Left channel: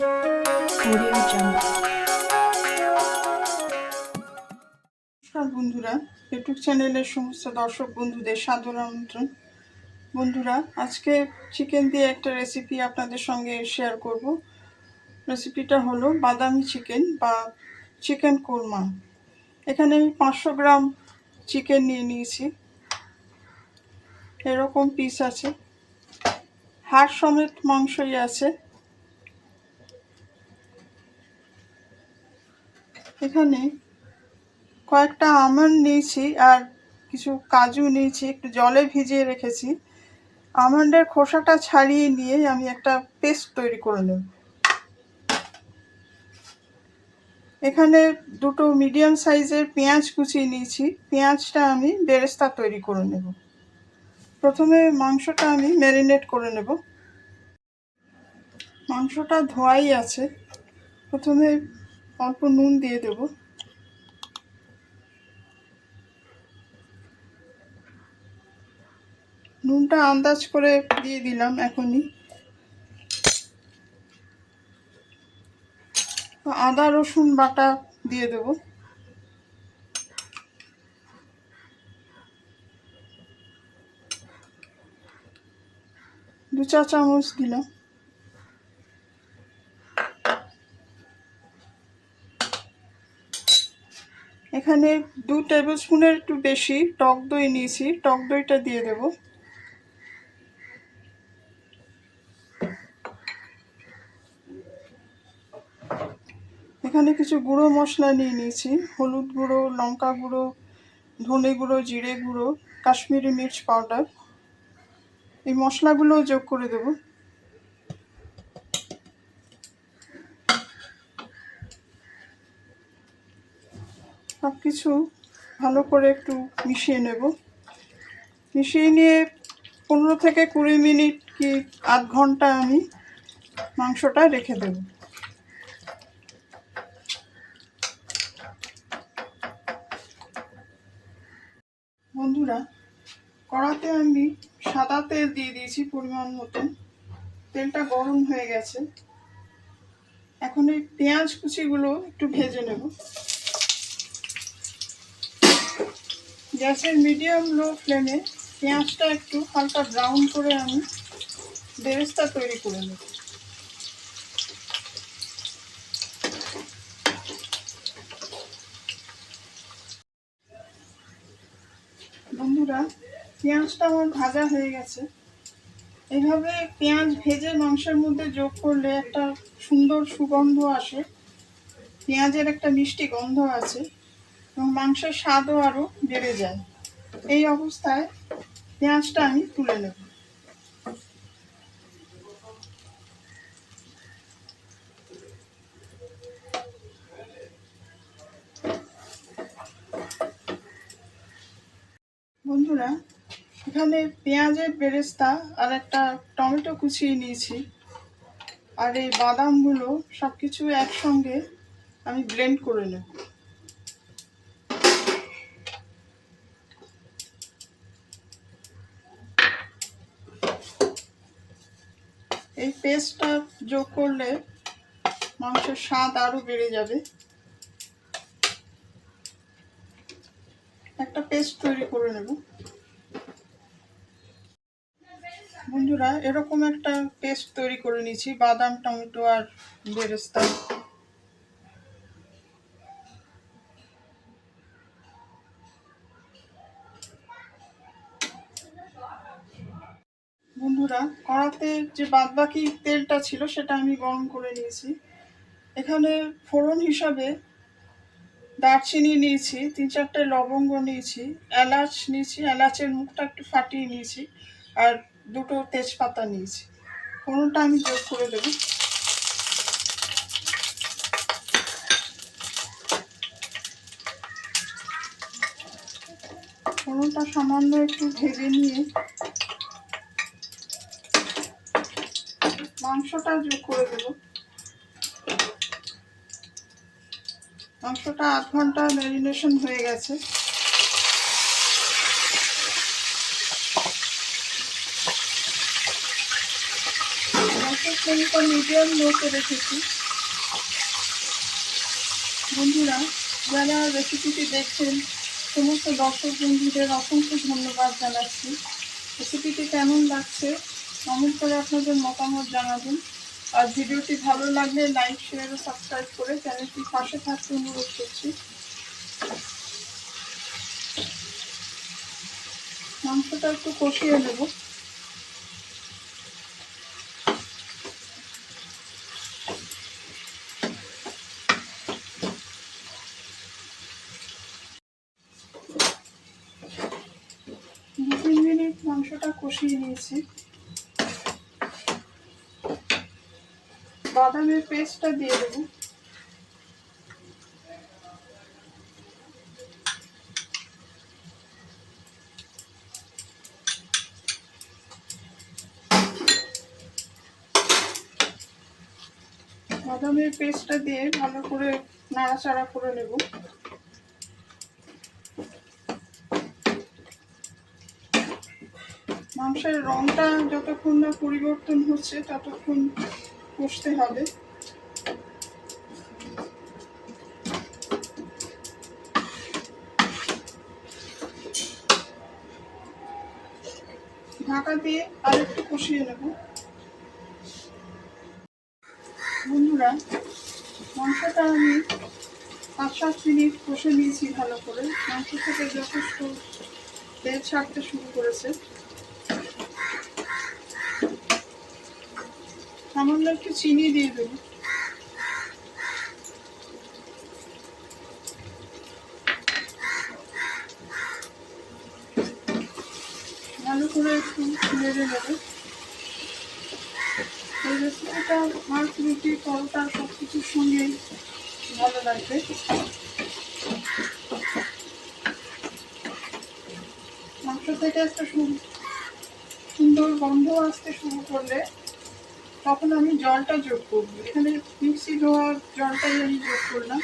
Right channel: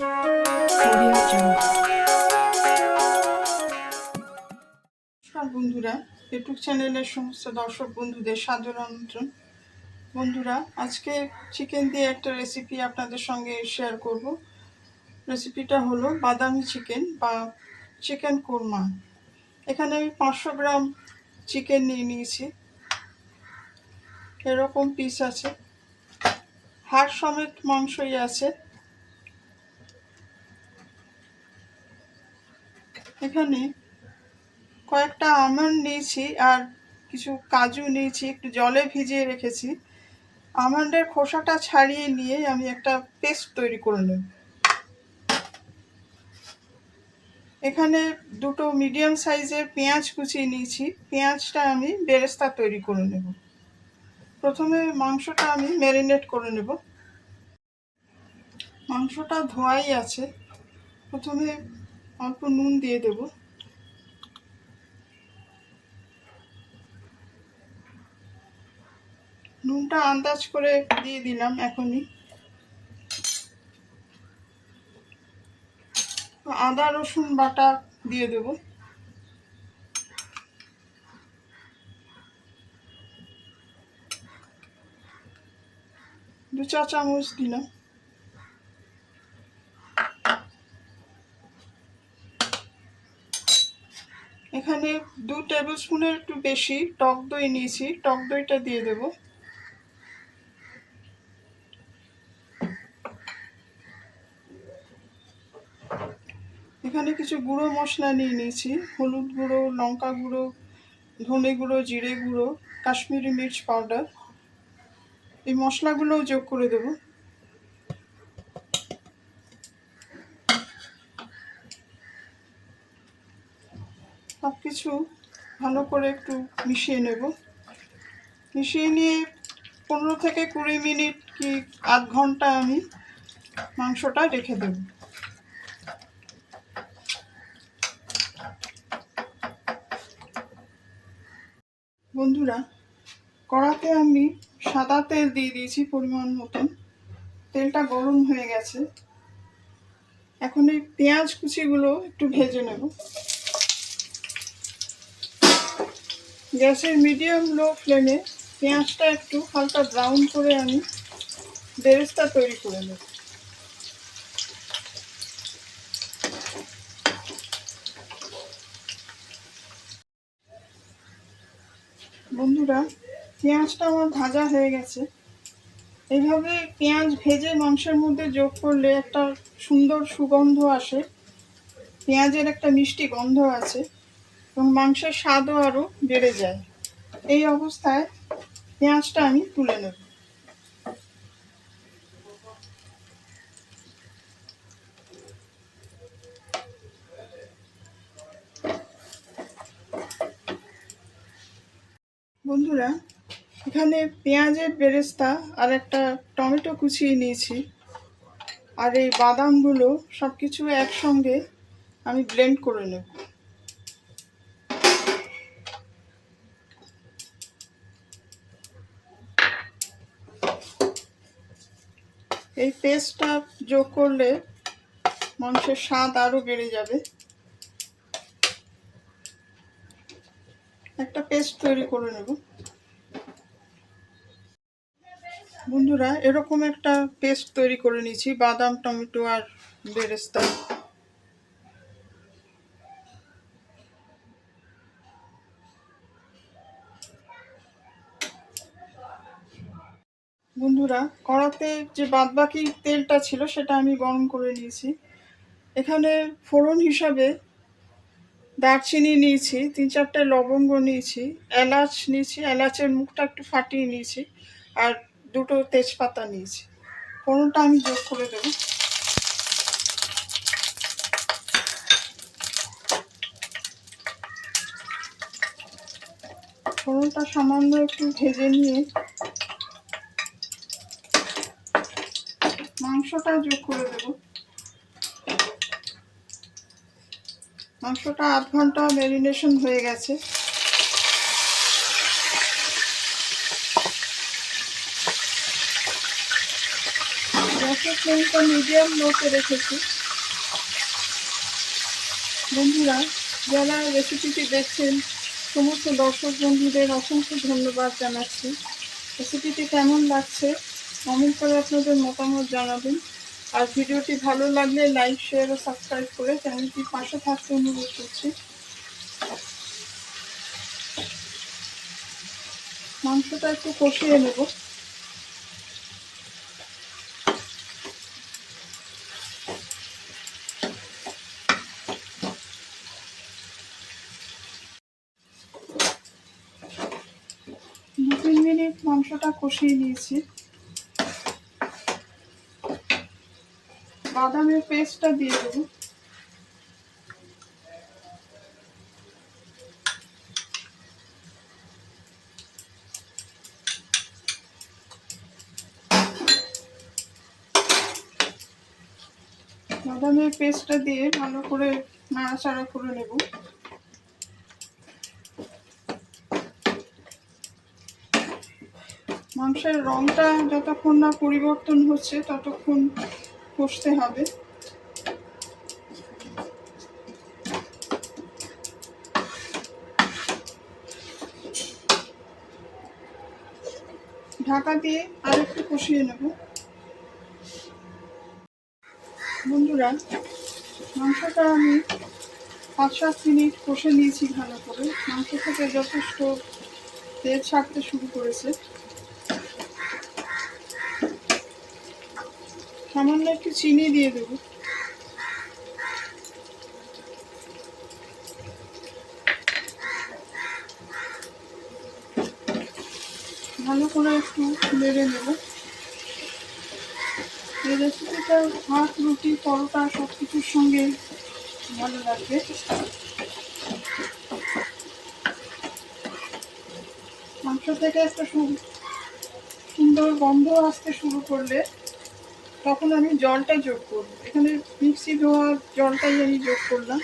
নমস্কার বন্ধুরা, ইউটিউব চ্যানেলের সমস্ত দর্শক বন্ধুদের সাদর আমন্ত্রণ। বন্ধুরা, আজকে চিকেন দিয়ে একটা রেসিপি আপনাদের সঙ্গে শেয়ার করব। রেসিপিটা হলো বাদামি চিকেন বা চিকেন কোরমা। এখানে আমি 500 গ্রাম চিকেন নিয়ে নিয়েছি। এরকম পিস আছে, হাড় সমেত মাংসই আছে। এখানে কয়েকটা আমন্ড নিয়েছি আর কিছু কাজু নিয়েছি, একটু জলে ভিজিয়ে রেখেছি। আমন্ডের খোসাটা ছাড়িয়ে নিয়ে আমি একটা পেস্ট তৈরি করে নেব। এখানে দুটো মিডিয়াম সাইজের পেঁয়াজ কুচিয়ে নিয়েছি। পেঁয়াজটা আমি বেরেস্তা তৈরি করে নেব। প্রথমে মাংসটা আমি ম্যারিনেট করে নেব। মাংসটা ধোয়াই আছে। প্রথমে অল্প নুন দিয়ে দেব। নুনটা আন্দাজ করে দিয়ে দিলাম এখনই। আদা রসুন বাটা দিয়ে দেব। 2 চা চামচ দিলাম। এখানে 2 টেবিল স্পুনের একটু বেশি টক দই নিয়েছি, টক দইটা দিয়ে দেব। এখানে কিছু গুঁড়ো মশলা নিয়ে নিয়েছি, হলুদ গুঁড়ো, লঙ্কা গুঁড়ো, ধনে গুঁড়ো, জিরে গুঁড়ো, কাশ্মীরি মির্চ পাউডার। এই মশলাগুলোও যোগ করে দেব। সব কিছু ভালো করে একটু মিশিয়ে নেব। মিশিয়ে নিয়ে 15 থেকে 20 মিনিট কি আধ ঘন্টা আমি মাংসটা রেখে দেব। বন্ধুরা, কড়াতে আমি সাদা তেল দিয়ে দিয়েছি পরিমাণ মতন। তেলটা গরম হয়ে গেছে। এখন এই পেঁয়াজ কুচিগুলো একটু ভেজে নেব। গ্যাসের মিডিয়াম লো ফ্লেমে পেঁয়াজটা একটু হালকা ব্রাউন করে আমি বেরেস্তা তৈরি করে নেব। বন্ধুরা, পেঁয়াজটা আমার ভাজা হয়ে গেছে। এইভাবে পেঁয়াজ ভেজে মাংসের মধ্যে যোগ করলে একটা সুন্দর সুগন্ধ আসে। পেঁয়াজের একটা মিষ্টি গন্ধ আছে এবং মাংসের স্বাদও আরও বেড়ে যায়। এই অবস্থায় পেঁয়াজটা আমি তুলে নেব। বন্ধুরা, এখানে পেঁয়াজের বেরেস্তা আর একটা টমেটো কুচিয়ে নিয়েছি, আর এই বাদামগুলো সব কিছু একসঙ্গে আমি ব্লেন্ড করে নেব। এই পেস্টটা যোগ করলে মাংসের স্বাদ আরও বেড়ে যাবে। একটা পেস্ট তৈরি করে নেব। বন্ধুরা, এরকম একটা পেস্ট তৈরি করে নিয়েছি বাদাম, টমেটো আর বেরেস্তা। বন্ধুরা, কড়াতে যে বাদবাকি তেলটা ছিল সেটা আমি গরম করে নিয়েছি। এখানে ফোড়ন হিসাবে দারচিনি নিয়েছি, 3-4টে লবঙ্গ নিয়েছি, এলাচ নিয়েছি, এলাচের মুখটা একটু ফাটিয়ে নিয়েছি, আর 2টো তেজপাতা নিয়েছি। ফোড়নটা আমি যোগ করে দেব। ফোড়নটা সামান্য একটু ভেজে নিয়ে মাংসটা যোগ করে দেব। মাংসটা আধ ঘন্টা ম্যারিনেশন হয়ে গেছে। গ্যাসের ফ্লেমটা মিডিয়াম লোতে রেখেছি। বন্ধুরা, যারা রেসিপিটি দেখছেন সমস্ত দর্শক বন্ধুদের অসংখ্য ধন্যবাদ জানাচ্ছি। রেসিপিটি কেমন লাগছে কমেন্ট করে আপনাদের মতামত জানাবেন। আর ভিডিওটি ভালো লাগলে লাইক, শেয়ার ও সাবস্ক্রাইব করে চ্যানেলটির পাশে থাকতে অনুরোধ করছি। মাংসটা একটু কষিয়ে নেব। দু 3 মিনিট মাংসটা কষিয়ে নিয়েছি। বাদামের পেস্টটা দিয়ে দেব। বাদামের পেস্টটা দিয়ে ভালো করে নাড়াচাড়া করে নেব। মাংসের রংটা যতক্ষণ না পরিবর্তন হচ্ছে ততক্ষণ কষতে হবে। ঢাকা দিয়ে আরেকটু কষিয়ে নেব। বন্ধুরা, মাংসটা আমি 5-7 মিনিট কষে নিয়েছি ভালো করে। মাংস থেকে যথেষ্ট তেল ছাড়তে শুরু করেছে। সামান্য একটু চিনি দিয়ে দেব। ভালো করে একটু নেড়ে নেব। এই রেসিপিটা ভাত, রুটি, পরোটা সব কিছুর সঙ্গে ভালো লাগবে। মাংস থেকে একটা সুন্দর গন্ধ আসতে শুরু করলে তখন আমি জলটা যোগ করব। এখানে মিক্সি ধোয়ার জলটাই আমি যোগ করলাম।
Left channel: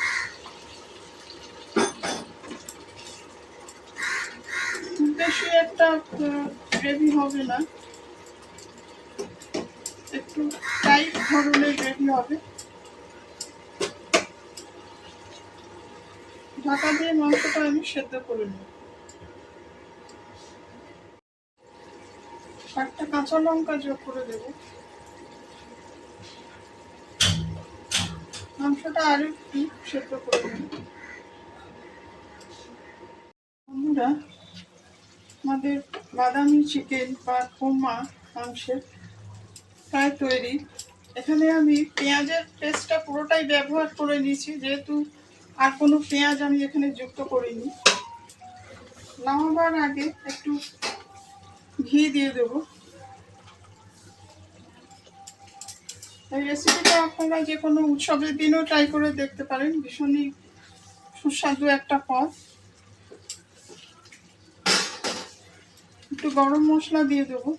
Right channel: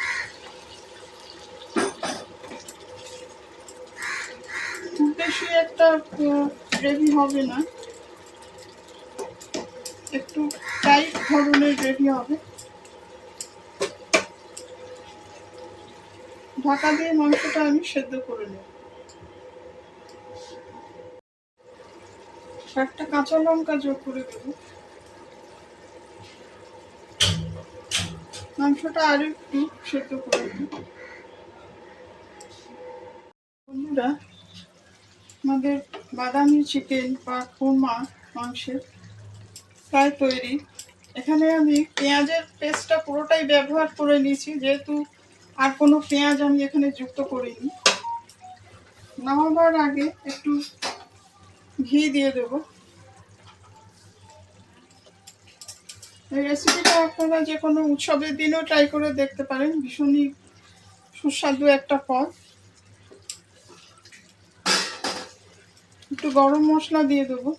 খুব বেশি একটা গ্রেভি হবে না, একটু টাইট ধরনের গ্রেভি হবে। ঢাকা দিয়ে মাংসটা আমি সেদ্ধ করে নেব। একটা কাঁচা লঙ্কা যোগ করে দেব। মাংসটা আর একটু সেদ্ধ করে নেব। বন্ধুরা, আমাদের বাদামি চিকেন বা কোরমা মাংসের প্রায় তৈরি। এখানে আমি পেঁয়াজের পেস্টটা পুরোটাই ব্যবহার করে নিয়েছি, যেহেতু আর কোনো পেঁয়াজ আমি এখানে যুক্ত করিনি। নামাবার আগে একটু ঘি দিয়ে দেব। এই রেসিপিটা আপনারা যে কোনো উৎসবের দিনও ট্রাই করে দেখতে পারেন। ভীষণই সুস্বাদু একটা পদ। একটু গরম মশলা দিয়ে দেবো।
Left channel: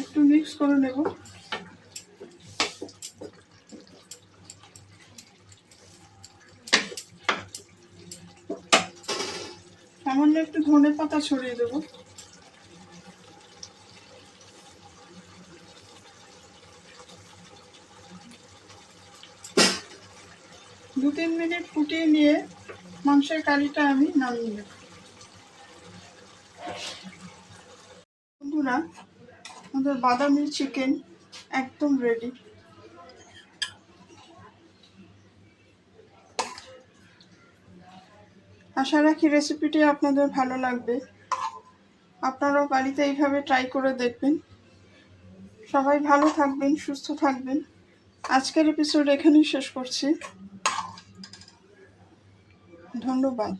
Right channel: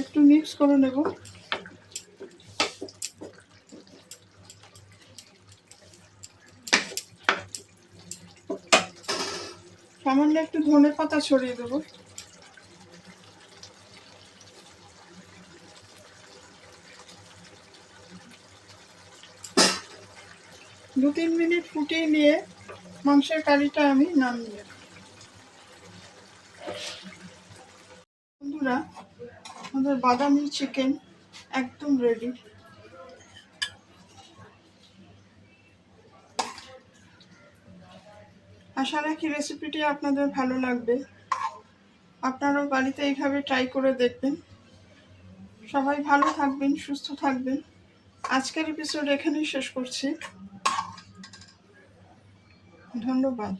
একটু মিক্স করে নেব। সামান্য একটু ধনে পাতা ছড়িয়ে দেবো। দু 3 মিনিট ফুটিয়ে নিয়ে মাংসের কারিটা আমি নামিয়ে নেব। বন্ধুরা, আমাদের বাদামি চিকেন একদম রেডি। আশা রাখি রেসিপিটি আপনাদের ভালো লাগবে। আপনারাও বাড়িতে এইভাবে ট্রাই করে দেখবেন। সবাই ভালো থাকবেন, সুস্থ থাকবেন। আজকের এপিসোড এখানেই শেষ করছি। ধন্যবাদ।